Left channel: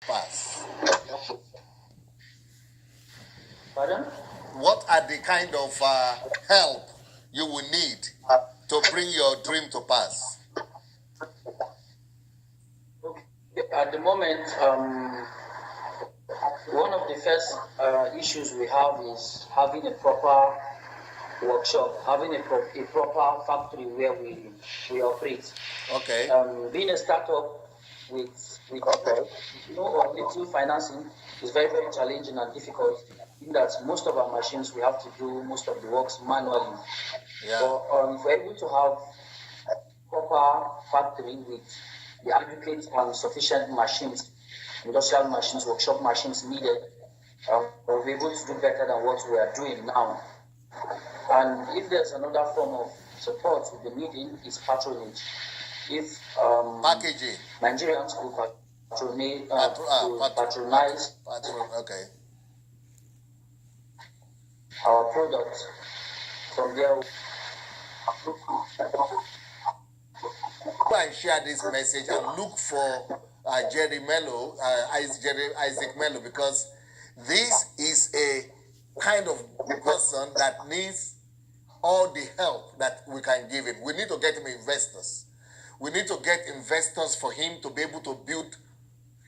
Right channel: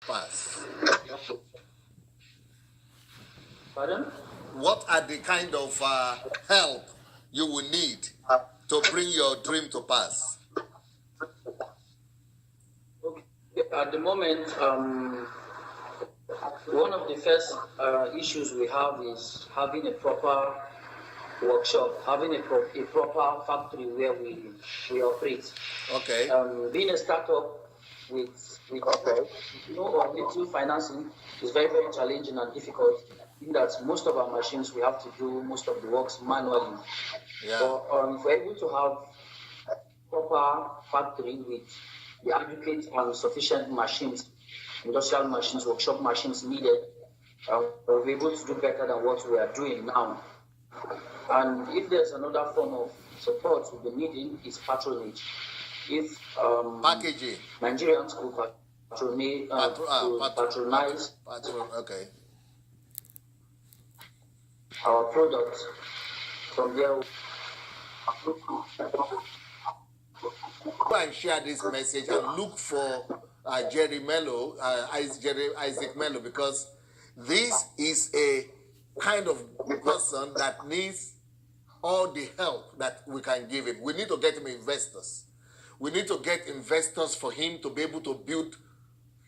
pass? Pardon? What are the kind of help you will need to bring your dream to pass? Okay. At the moment, one of the first issues we have is having a proper workshop, having a proper factory where we operate. Okay. Being a startup with or little financing is very, very challenging and difficult, in that most of our machines we have to do most of the works manually. Yeah. So if we're able to have a proper factory with the adequate and sufficient machines, industrial machines, workshop machines needed, we'll be able to do better than what we are doing now. And if there's another form of support we've been needing, is patronage. If packaging, Nigerians could patronize okay, our product from there. Go and share this message and look for Isaac Mello, because this is a kind of person that needs all the help that we can give him. We need to get him investors. We need to get investors for him to be able to build,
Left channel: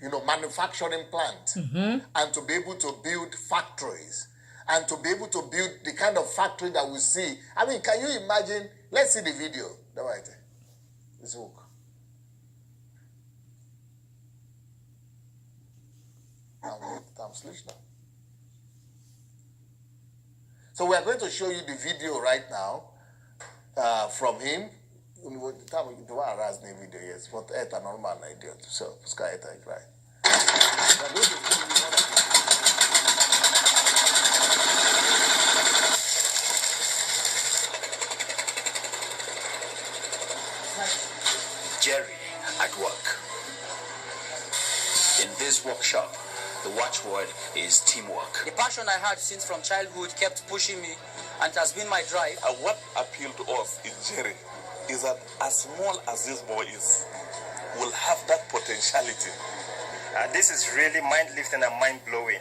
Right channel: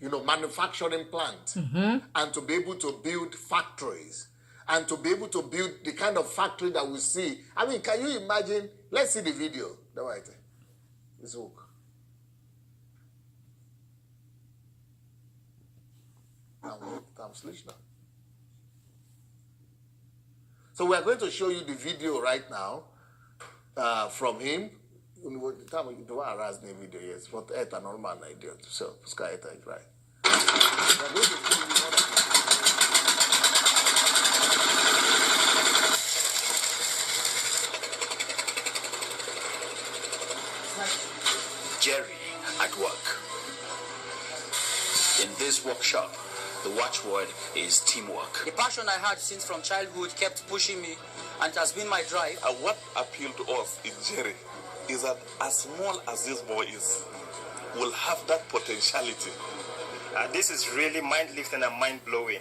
manufacturing plants, and to be able to build factories, and to be able to build the kind of factory that we see. I mean, can you imagine? Let's see the video. This hook. So we are going to show you the video right now from him. Video, yes, but a normal idea. So, right. Jerry at work. In this workshop, the watchword is teamwork. The passion I had since from childhood kept pushing me, and it has been my drive. What appealed to us in Jerry is that as small as this boy is, will have that potentiality. This is really mind-lifting and mind-blowing.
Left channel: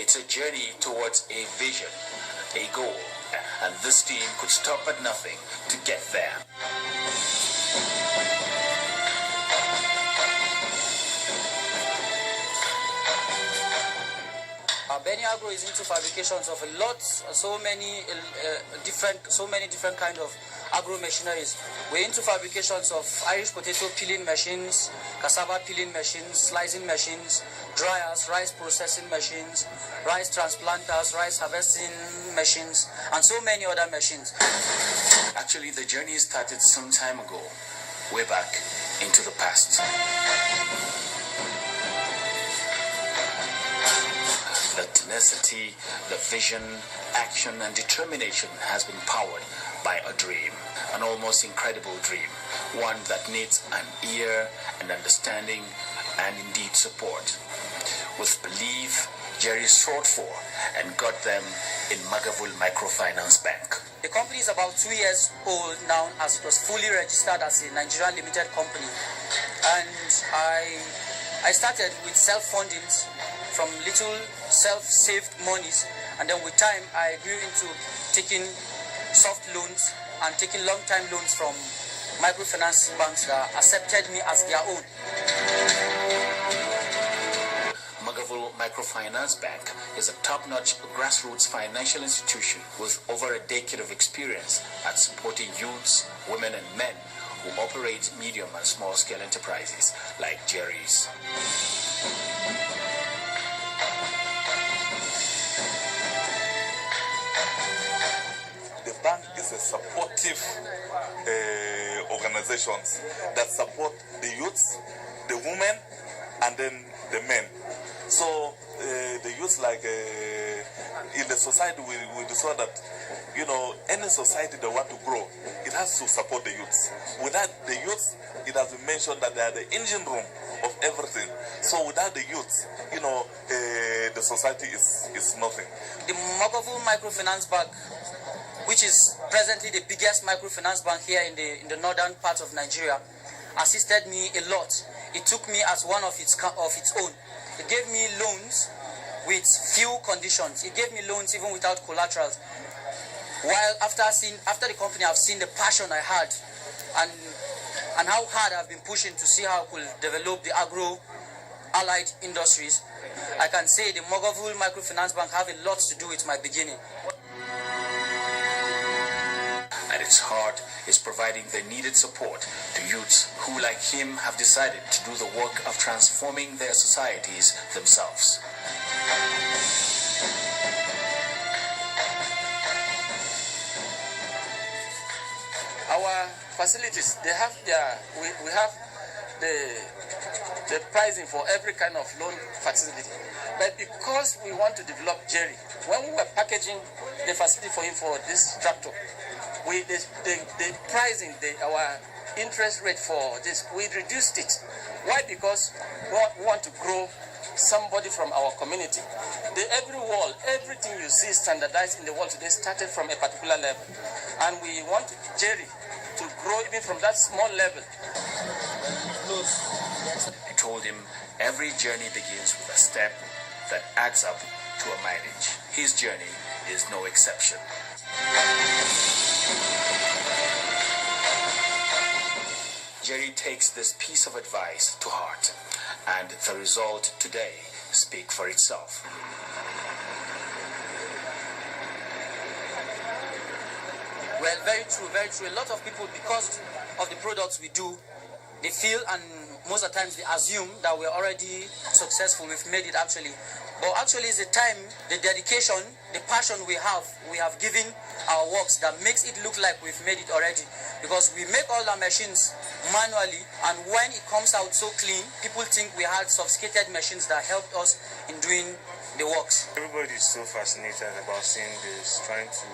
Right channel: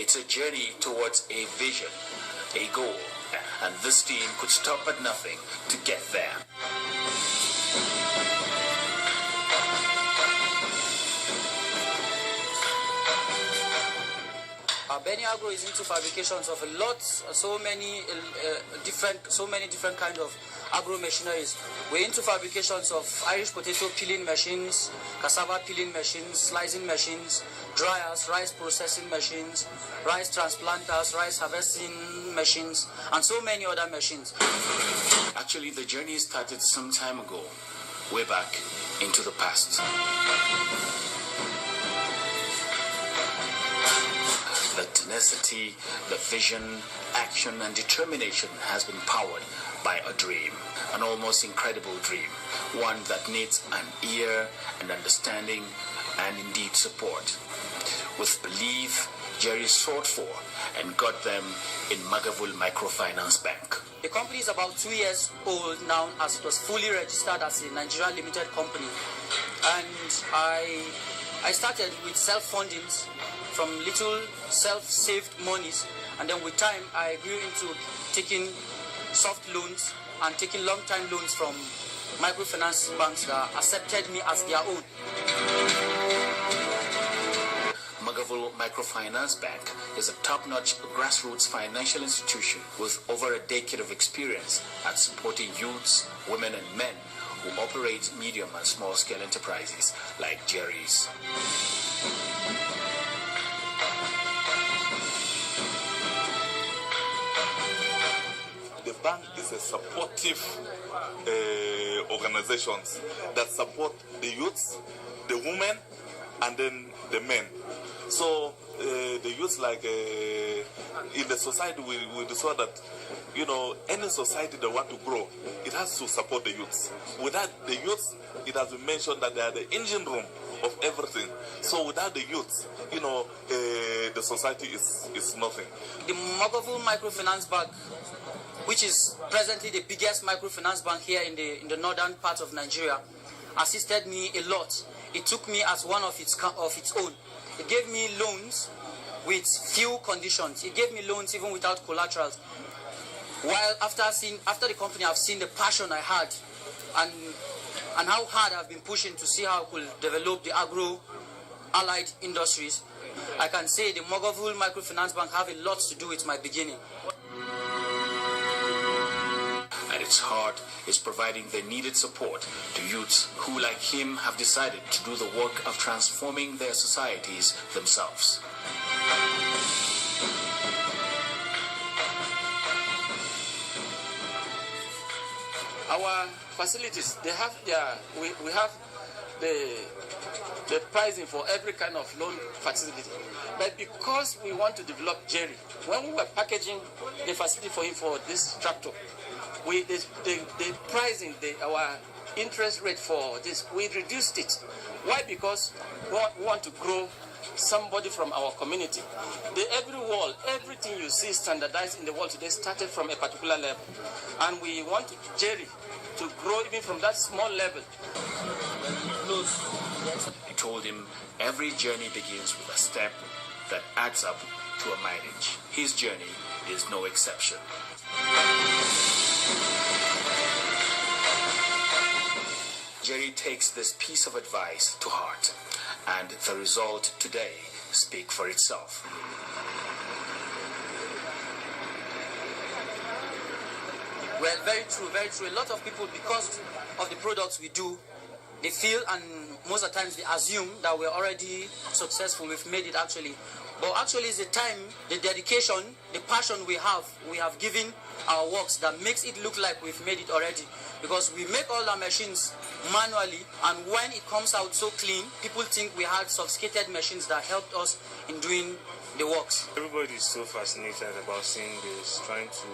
It's a journey towards a vision, a goal, and this team could stop at nothing to get there. Benny Agro is into fabrications of so many different kind of agro machineries. We're into fabrications of Irish potato peeling machines, cassava peeling machines, slicing machines, dryers, rice processing machines, rice transplanters, rice harvesting machines, and so many other machines. Actually, the journey started some time ago, way back into the past. The tenacity, the vision, action, and determination has been powered by a dream, an almost incredible dream, one that needs an ear and understanding and indeed support. With belief, Jerry sought for and got them in Magavul Microfinance Bank. The company is about 2 years old now, as it was fully registered as a Nigerian limited company. And I started with self-fundings from little self-saved monies, and then with time I grew into taking soft loans and taking long-time loans from microfinance banks that accepted me as their own. Magavul Microfinance Bank is a top-notch grassroots financial institution with over a decade of experience at supporting youths, women and men who operate medium and small-scale enterprises like Jerry's. The bank is a supportive organization that support the youths, the women, and then the men. So the youths like in the society, we saw that, you know, any society that want to grow, it has to support the youths. Without the youths, it has been mentioned that they are the engine room of everything. So without the youths, you know, the society is nothing. The Mogovu Microfinance Bank, which is presently the biggest microfinance bank here in the northern part of Nigeria, assisted me a lot. It took me as one of its own. It gave me loans with few conditions. It gave me loans even without collaterals. While after the company, I've seen the passion I had and how hard I've been pushing to see how I could develop the agro-allied industries. I can say the Mogovu Microfinance Bank have a lot to do with my beginning. At its heart is providing the needed support to youths who, like him, have decided to do the work of transforming their societies themselves. Our facilities, they have we have the pricing for every kind of loan facility. But because we want to develop Jerry, when we were packaging the facility for him for this tractor, the pricing, our interest rate for this, we reduced it. Why? Because we want to grow somebody from our community. Every wall, everything you see standardized in the world today started from a particular level. And we want Jerry to grow even from that small level. He told him every journey begins with a step that adds up to a mileage. His journey is no exception. Jerry takes this piece of advice to heart, and the result today speaks for itself. Well, very true, very true. A lot of people, because of the products we do, they feel, and most of the times they assume that we're already successful, we've made it actually. But actually it's the time, the dedication, the passion we have given our works that makes it look like we've made it already. Because we make all our machines manually, and when it comes out so clean, people think we had sophisticated machines that helped us in doing the works. Everybody is so fascinated about seeing this, trying to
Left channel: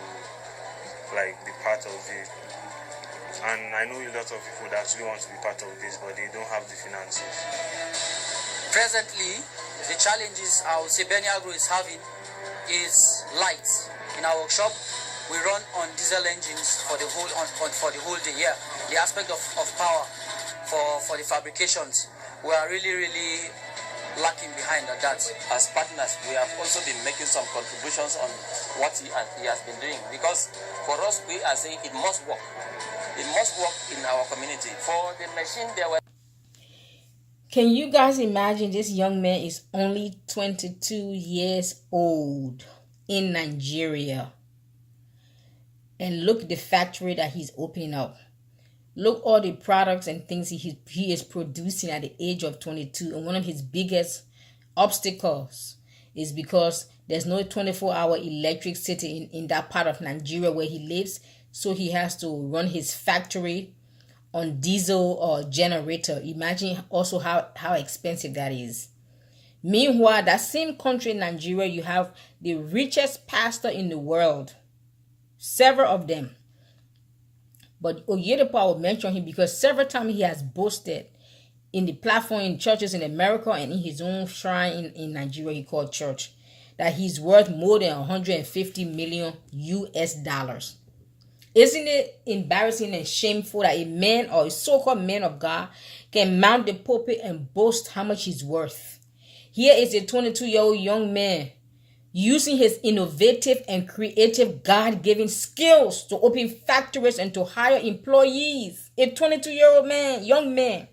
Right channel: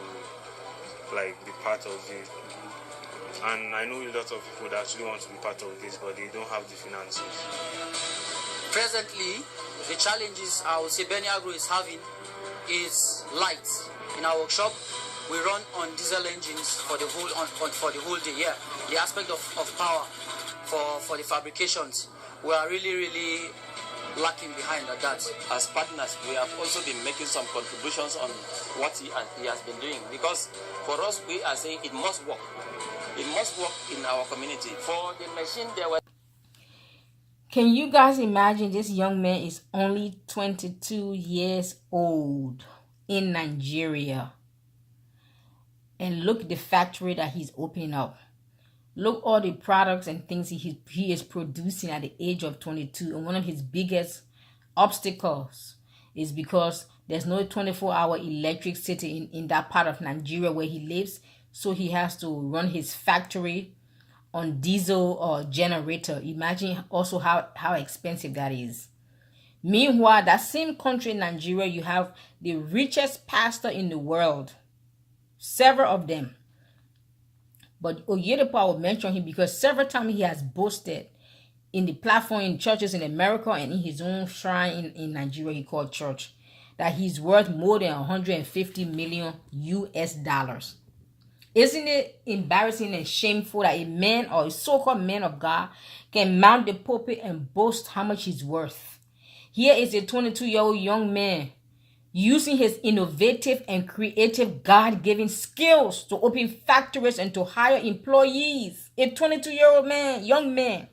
be part of it. And I know a lot of people that actually want to be part of this, but they don't have the finances. Presently, the challenges I would say Beniagro is having is lights. In our workshop, we run on diesel engines for the whole day. Yeah, the aspect of power for the fabrications, we are really lacking behind at that. As partners, we have also been making some contributions on what he has been doing, because for us, we are saying it must work. It must work in our community. For the machine, there were... Can you guys imagine this young man is only 22 years old in Nigeria? And look at the factory that he's opening up. Look all the products and things he is producing at the age of 22. And one of his biggest obstacles is because there's no 24-hour electricity in that part of Nigeria where he lives. So he has to run his factory on diesel or generator. Imagine also how expensive that is. Meanwhile, that same country in Nigeria, you have the richest pastor in the world. Several of them. But Oyedepo, I will mention him because several times he has boasted in the platform in churches in America and in his own shrine in Nigeria he called church, that he's worth more than 150 million US dollars. Isn't it embarrassing and shameful that a man or a so-called man of God can mount the pulpit and boast how much he's worth? Here is a 22-year-old young man using his innovative and creative God-given skills to open factories and to hire employees. A 22-year-old man, young man.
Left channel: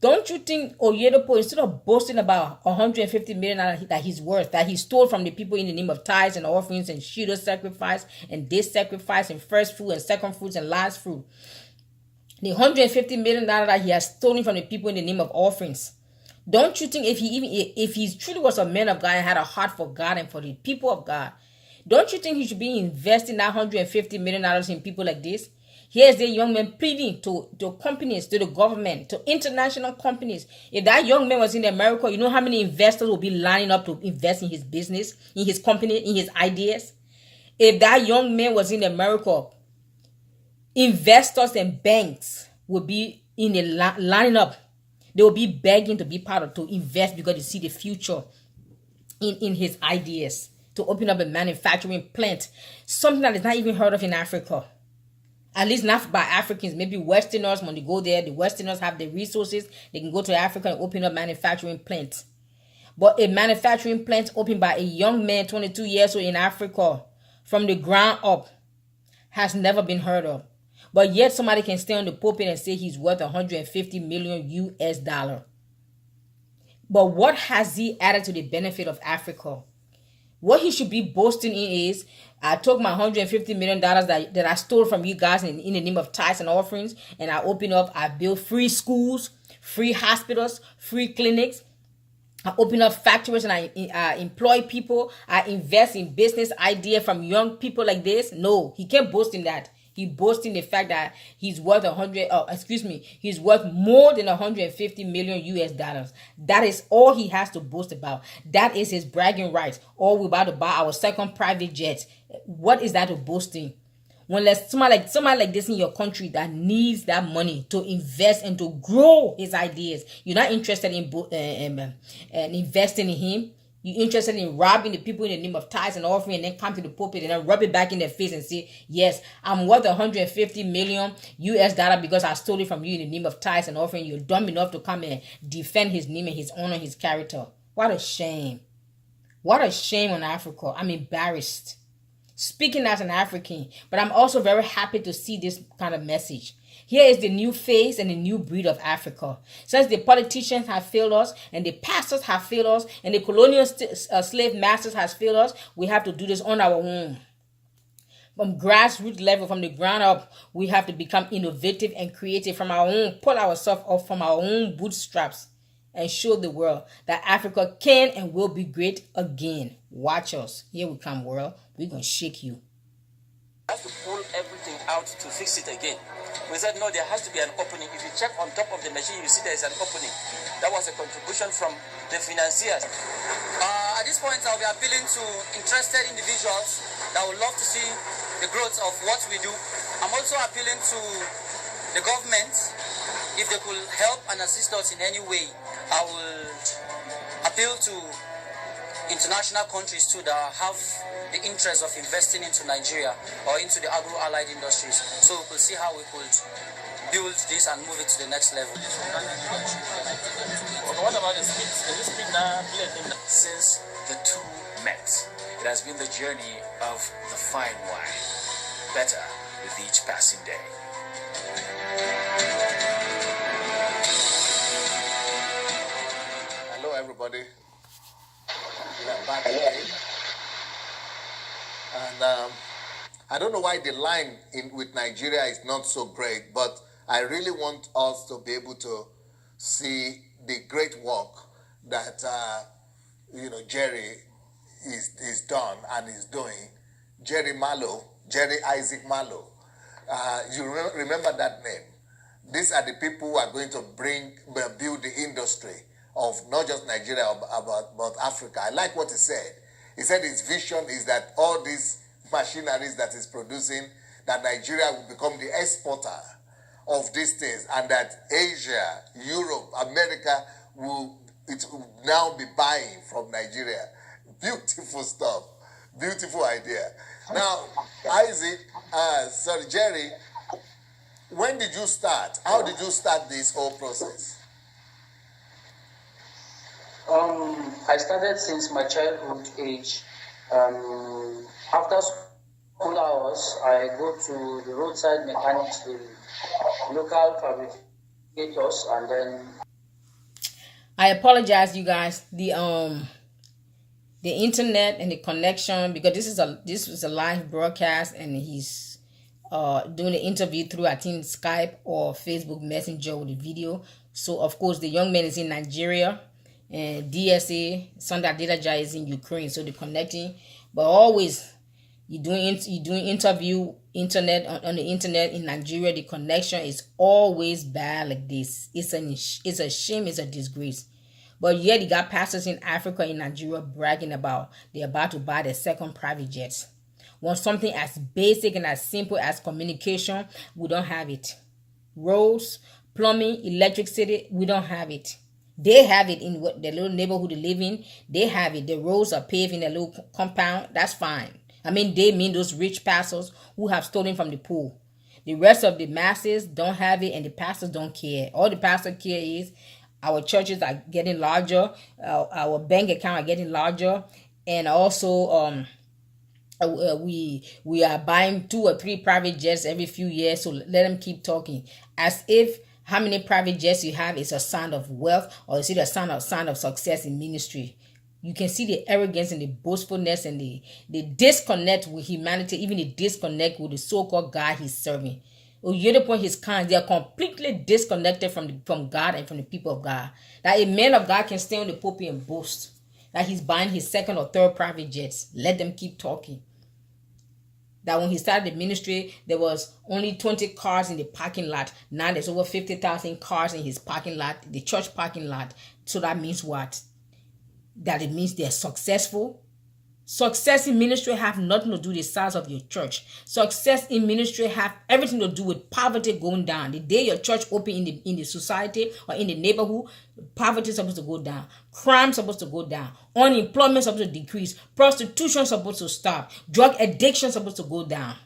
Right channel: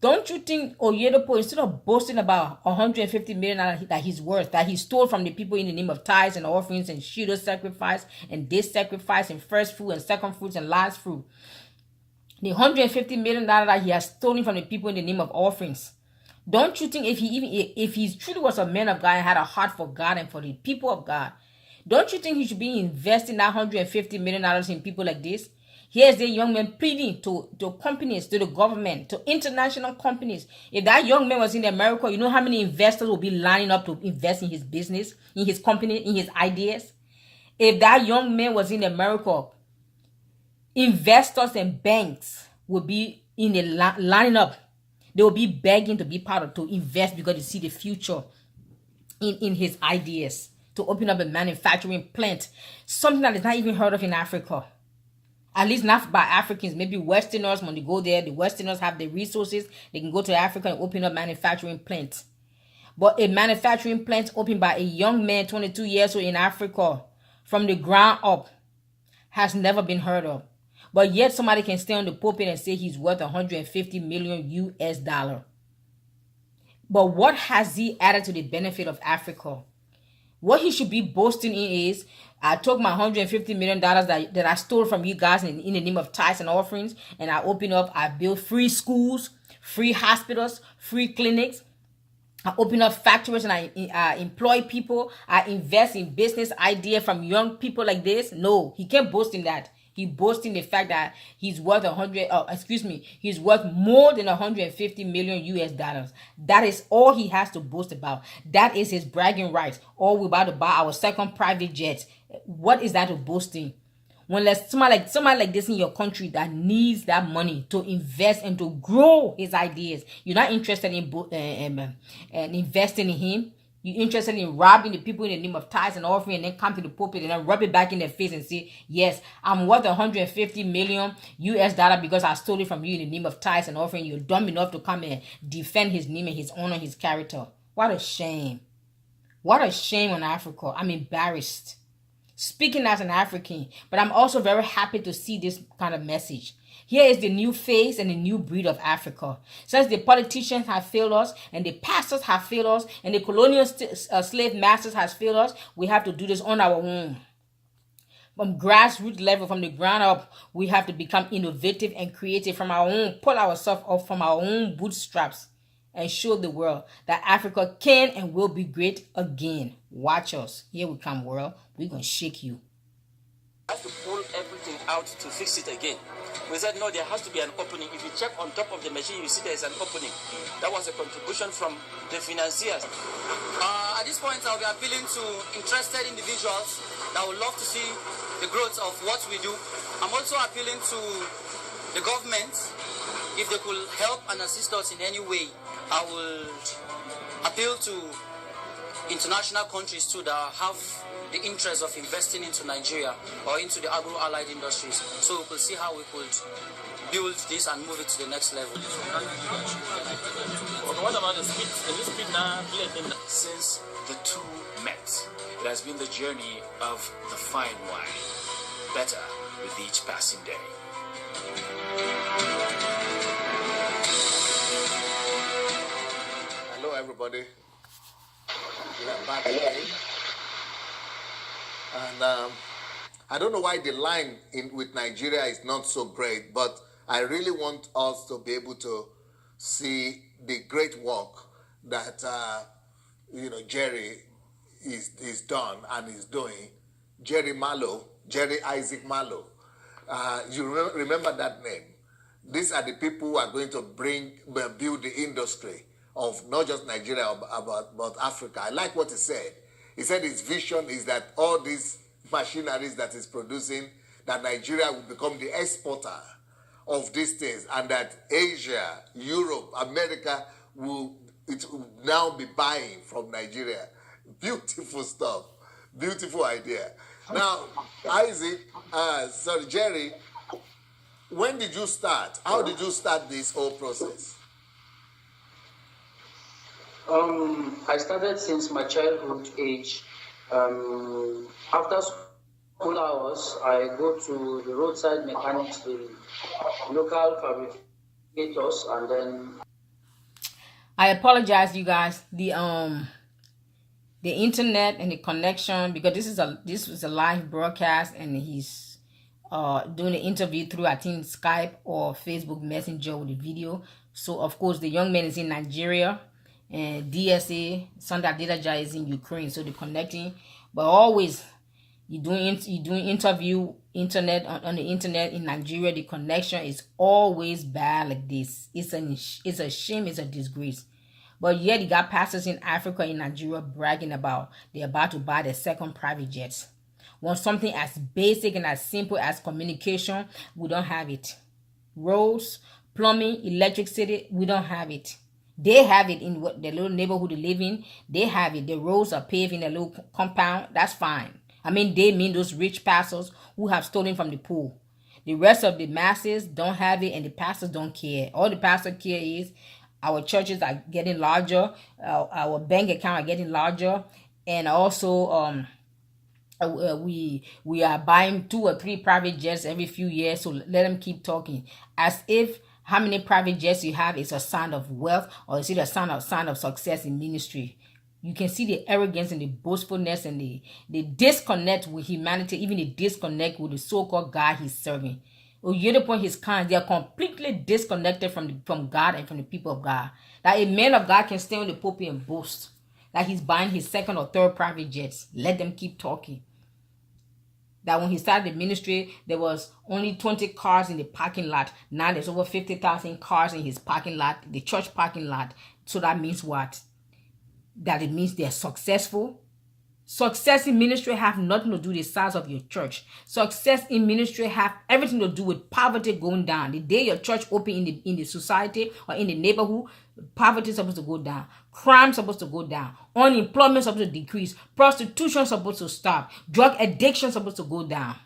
Don't you think Oyedepo, instead of boasting about $150 million that he's worth, that he stole from the people in the name of tithes and offerings and shield sacrifice and day sacrifice and first fruit and second fruits and last fruit, the $150 million that he has stolen from the people in the name of offerings, don't you think if he truly was a man of God and had a heart for God and for the people of God, don't you think he should be investing that $150 million in people like this? Here's the young man pleading to companies, to the government, to international companies. If that young man was in America, you know how many investors will be lining up to invest in his business, in his company, in his ideas? If that young man was in America, investors and banks will be in the lining up. They will be begging to be part of, to invest, because they see the future in his ideas, to open up a manufacturing plant, something that is not even heard of in Africa. At least not by Africans. Maybe Westerners, when they go there, the Westerners have the resources. They can go to Africa and open up manufacturing plants. But a manufacturing plant opened by a young man, 22 years old, in Africa, from the ground up, has never been heard of. But yet somebody can stand on the pulpit and say he's worth 150 million US dollar. But what has he added to the benefit of Africa? What he should be boasting in is, I took my $150 million that I stole from you guys in the name of tithes and offerings, and I open up, I build free schools, free hospitals, free clinics. I open up factories and I employ people. I invest in business idea from young people like this. No, he can't boast in that. He boasts in the fact that he's worth he's worth more than 150 million US dollars. That is all he has to boast about. That is his bragging rights. Or we're about to buy our second private jet. What is that to boasting? When there's somebody like this in your country that needs that money to invest and to grow his ideas, you're not interested in investing in him. You're interested in robbing the people in the name of tithes and offering, and then come to the pulpit and then rub it back in their face and say, yes, I'm worth 150 million US dollar because I stole it from you in the name of tithes and offering. You're dumb enough to come and defend his name and his honor, his character. What a shame. What a shame on Africa. I'm embarrassed. Speaking as an African, but I'm also very happy to see this kind of message. Here is the new face and the new breed of Africa. Since the politicians have failed us, and the pastors have failed us, and the colonial slave masters has failed us, we have to do this on our own. From grassroots level, from the ground up, we have to become innovative and creative from our own, pull ourselves up from our own bootstraps, and show the world that Africa can and will be great again. Watch us. Here we come, world. We're going to shake you. Have to pull everything out to fix it again. We said, no, there has to be an opening. If you check on top of the machine, you see there's an opening. That was a contribution from the financiers. At this point, I'll be appealing to interested individuals that would love to see the growth of what we do. I'm also appealing to the government. If they could help and assist us in any way, I will appeal to international countries too that have the interest of investing into Nigeria or into the agro-allied industries. So we will see how we could build this and move it to the next level. What about the speed? Can you speed now? Since the two met, it has been the journey of the fine wine, better with each passing day. Hello, everybody. We are back again. And I don't know why the line with Nigeria is not so great, but I really want us to be able to see the great work that Jerry is done and is doing. Jerry Isaac Malo. You remember that name. These are the people who are going to build the industry of not just Nigeria but Africa. I like what he said. He said his vision is that all these machineries that is producing, that Nigeria will become the exporter of these things, and that Asia, Europe, America will now be buying from Nigeria. Beautiful stuff. Beautiful idea. Now, Jerry, when did you start? How did you start this whole process? I started since my childhood age. After school hours, I go to the roadside mechanics, the local fabricators, and then. I apologize, you guys. The internet and the connection, because this was a live broadcast, and he's doing an interview through, I think, Skype or Facebook Messenger with the video. So of course the young man is in Nigeria, and DSA Sunday Adelaja is in Ukraine, so they're connecting. But always You doing interview internet on the internet in Nigeria. The connection is always bad like this. It's a shame. It's a disgrace. But yet you got pastors in Africa, in Nigeria, bragging about they're about to buy their second private jets. Want something as basic and as simple as communication, we don't have it. Roads, plumbing, electricity, we don't have it. They have it in the little neighborhood they live in. They have it. The roads are paved in a little compound. That's fine. I mean, they mean those rich pastors who have stolen from the poor. The rest of the masses don't have it, and the pastors don't care. All the pastor care is our churches are getting larger, our bank account are getting larger, and also we are buying 2 or 3 private jets every few years. So let them keep talking, as if how many private jets you have is a sign of wealth, or is it a sign of success in ministry. You can see the arrogance and the boastfulness and the disconnect with humanity, even the disconnect with the so-called God he's serving. Oyedepo and his kind, they are completely disconnected from God and from the people of God. That a man of God can stand on the pulpit and boast that he's buying his 2nd or 3rd private jets. Let them keep talking. That when he started the ministry, there was only 20 cars in the parking lot. Now there's over 50,000 cars in his parking lot, the church parking lot. So that means what? That it means they're successful. Success in ministry have nothing to do with the size of your church. Success in ministry have everything to do with poverty going down. The day your church open in the society or in the neighborhood, poverty is supposed to go down. Crime is supposed to go down. Unemployment is supposed to decrease. Prostitution is supposed to stop. Drug addiction is supposed to go down.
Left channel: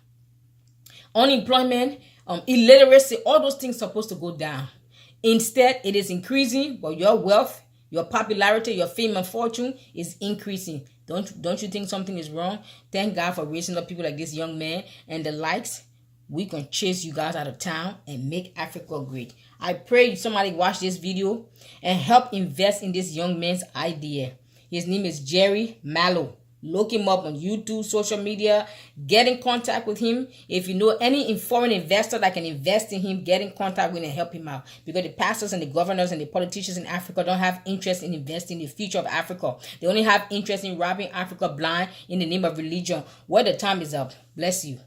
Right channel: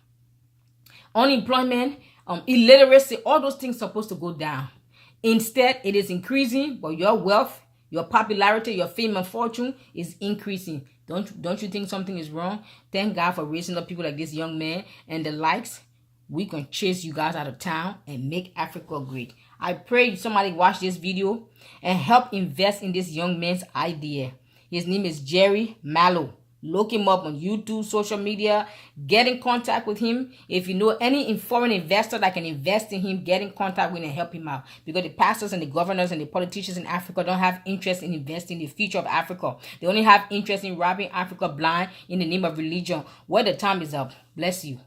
Unemployment, illiteracy, all those things are supposed to go down. Instead, it is increasing, but your wealth, your popularity, your fame and fortune is increasing. Don't you think something is wrong? Thank God for raising up people like this young man and the likes. We can chase you guys out of town and make Africa great. I pray somebody watch this video and help invest in this young man's idea. His name is Jerry Mallow. Look him up on YouTube, social media. Get in contact with him. If you know any foreign investor that can invest in him, get in contact with him and help him out. Because the pastors and the governors and the politicians in Africa don't have interest in investing in the future of Africa. They only have interest in robbing Africa blind in the name of religion. Well, the time is up. Bless you.